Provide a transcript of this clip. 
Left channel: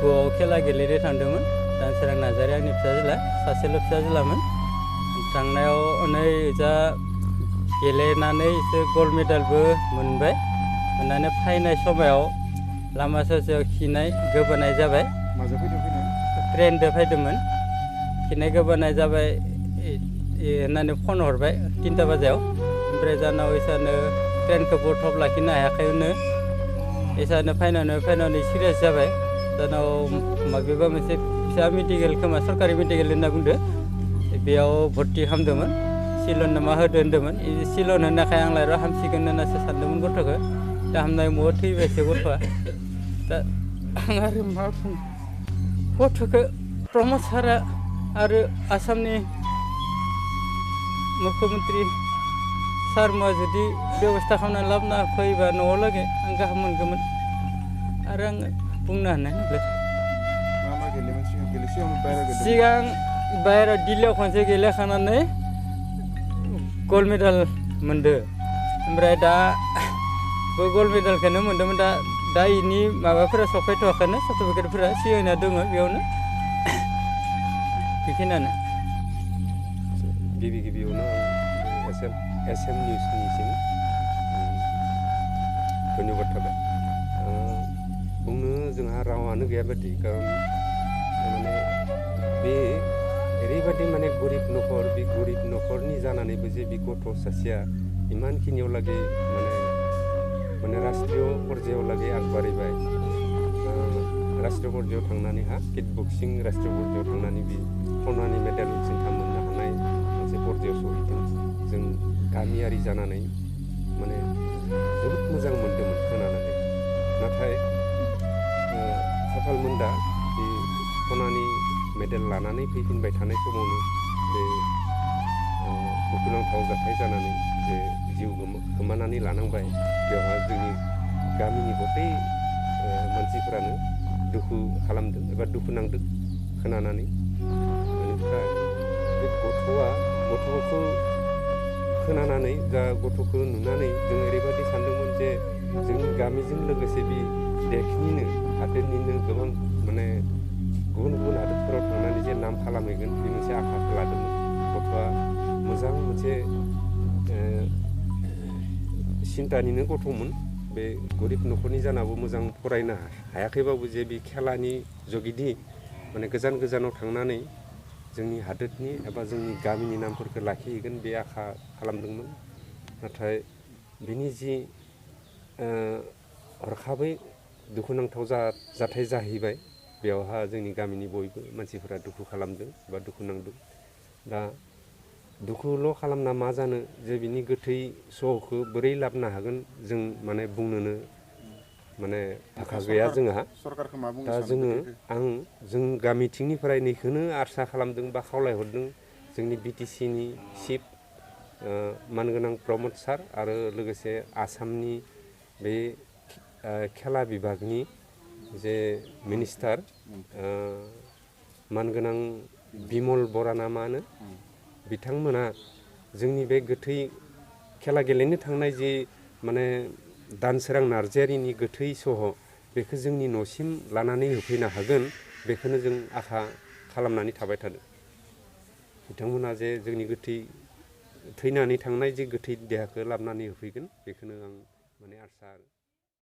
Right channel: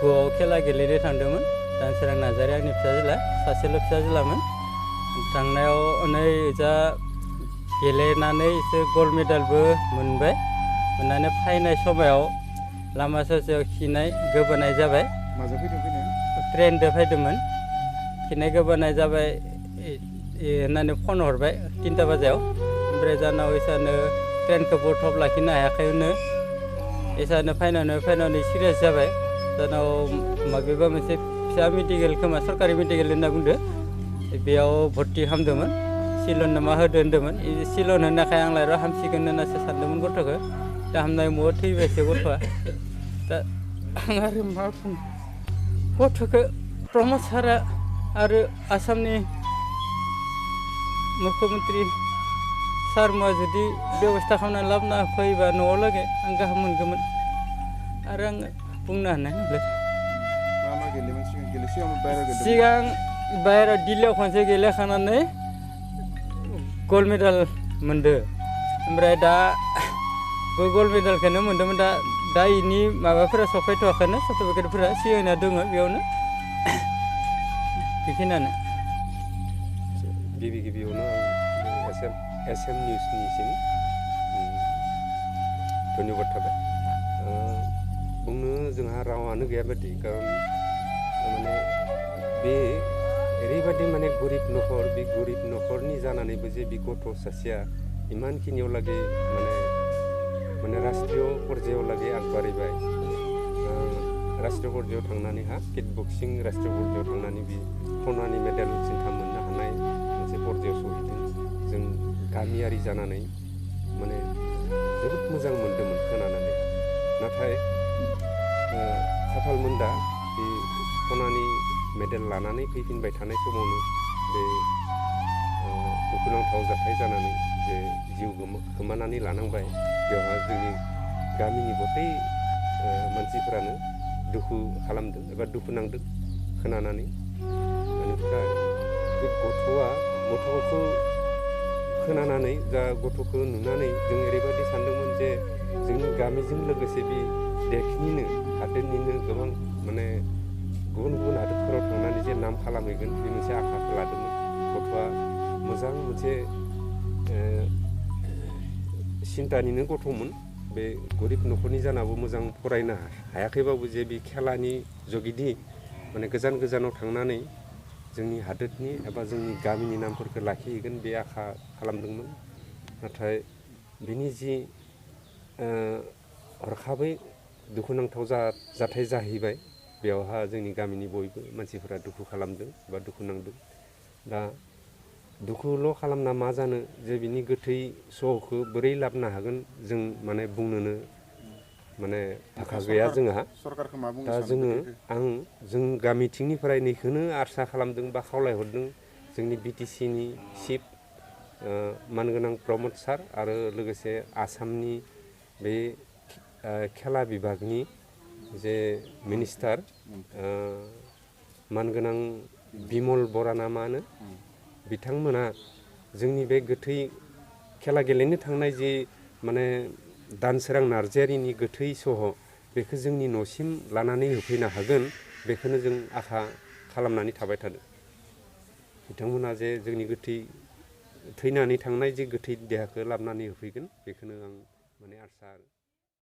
गुआव खेला गेलेनो थांदोंमोन दानसोरां नार्जारि आंनि फिसाज्ला सासेल' फिसाज्लामोन थांनायाव नै जा गेलेनानै एसे गल्ड मेडेलबो मोनबाय मोननानै फैनाय समाव लामा ससेयाव खिनाय गोबानाय जाबाय माजों फैदों फैनाय ट्रेनजों फैदोंमोन खिनाय गोबानाय जाबाय होननानै फन हरबाय 3टा बाजायाव ओमफ्राय जानाव इसानो ट्रेनखौ बर्थब लाखिनो हायाखैनो इसानो फैनानै सिरियास जाबाय जानाव माबेबा मोनसे फिसा मेडिकेल खोमा सरकारि मेडिकेल होनना बुंदो बेयाव भर्ति खालामदोंमोन सिलन मा होदो होन्दोंमोन सिलन होनाखाय आंलाय र' हामसिगोन होननासो सानदोंमोन गथ'खौ दा हामनाय मुङाव थैबायसो गथ'आ दा आं आरो मा बुंनो गथ'खौ प्रमद सारआ आरो आसामनि मुख्यमन्त्रि सारमोआ जुदि बेबस्था खालामनानै लाबोना फैबा न'आव लागै आं गाहाम मोनगौमोन आरो आङो बुंनो हानाय नंला मा मा गेलेयोमोन सिगां सिगां बाहेरायाव दिल्लीयाव खनसे गेलेखानानै गल्ड मेडेल मोनदो ओमफ्राय दा बे गल्ड मेडेलखौनो मोन्दोंमोन दा इनि माबाफोरा सफैथ'वाखैनो सार्टिफिकेटफोरा सिगांना दङ बेयावनो बेखिनियानो गिबियावनो आं एसएम निउसनिसिम धन्यबाद थाबाय बुंनो जोंहा रावानो गैया बायदि खारन माने बे ओरैबायदि माने गरिब न'खर बे गरिब न'खरनि जानानैबो जे बे गथ' सासेया इमानखिनियाव लागै माने राष्ट्रीय पर्यायाव लागै आगबारिबाय राष्ट्रीय पर्यायाव थांनानै किक बक्सिं राष्ट्रीय पर्यायाव थांनानै बे सनानि मेडेल सिन्था मोननो हानाय मोनसे पर्यायाव सहैदों जों गामियारि जानानै माने जोबोद मोजां मोन्दोंमोन खोनानानै नाथाय खाफाल मोनदा बे सनानि मेडेल लानानै फैफिनबाय थानाय समावनो बे दुखुनांथाव जाथाय जानानै जे जिउ खोमानानै लानांबाय बेवहा जोंनि गामिनि गथै मानसिफोरानो दुखु खालामदों एबा दुखु नांदों खोनानानै बेनिफ्राय बे गथ'खौ खोनानानै जा गथ'खौ नुनानै जों ओरैबायदि सानदोंमोन जे जोंनि गामिजों लोगोसे बे देशनिनो हादोरनिनो गोबां माने गुबुन हादोरफोराव थांनानै जे नाम खालामहैगोन बे मोनसे आखाखौ लादोंमोन गथ'आ मोजां मोनसे सिन्तानिनो गथ'मोन बे गरिब न'खरनि जानाबो मोजां फरायनो हायाखैबाबो जे बे खेलानि जुगिदि माने गोजानाव थांनानै जोंनि हादोरनि एबा जोंनि गामिनि नामफोरखौ लाखिहैगोन बे आखा खालामदोंमोन नाथाय बिनि जि हरखाबै दुखुनांथाव जाथाय जाहैबाय बेयावहा जोंनि गामिनि बयबो मानसिफोरा दुखु खालामदों एबा दुखु नांदों दा दुखुल' खालामना मा जानो जे बिनि गोथै सह'खौ बोरै लाबोनो हागोन जों माने बुंनोनो माने भाखा गैया जोंहा दा जों गामिथिंनिफ्राय नैखौनो आसा खालामदों बा खावलायहरदों जोंनि बिटिसिनि चिफ मानगोनां प्रमद सार आरो लोगोसे आसामनि बे खेला बिभागनि जे मिनिस्टार मानगोनां बिमल बरा ना मा होनो बिथांमोना जोंनि बे गोथै खेला गेलेनो थांनाय जि माने दानसोरां नार्जारिनि गोथै सह' बेखौ जोंनि न'सिम लानानै होफैनो हागोन बेखौनो जों आखा खालामनानै थाबाय थादों बिथांमोना जे जोंनि थैनानै थांनाय जे गोथै देहाखौ लाबोनानै होफैगोन बेखौनो आं माने आसा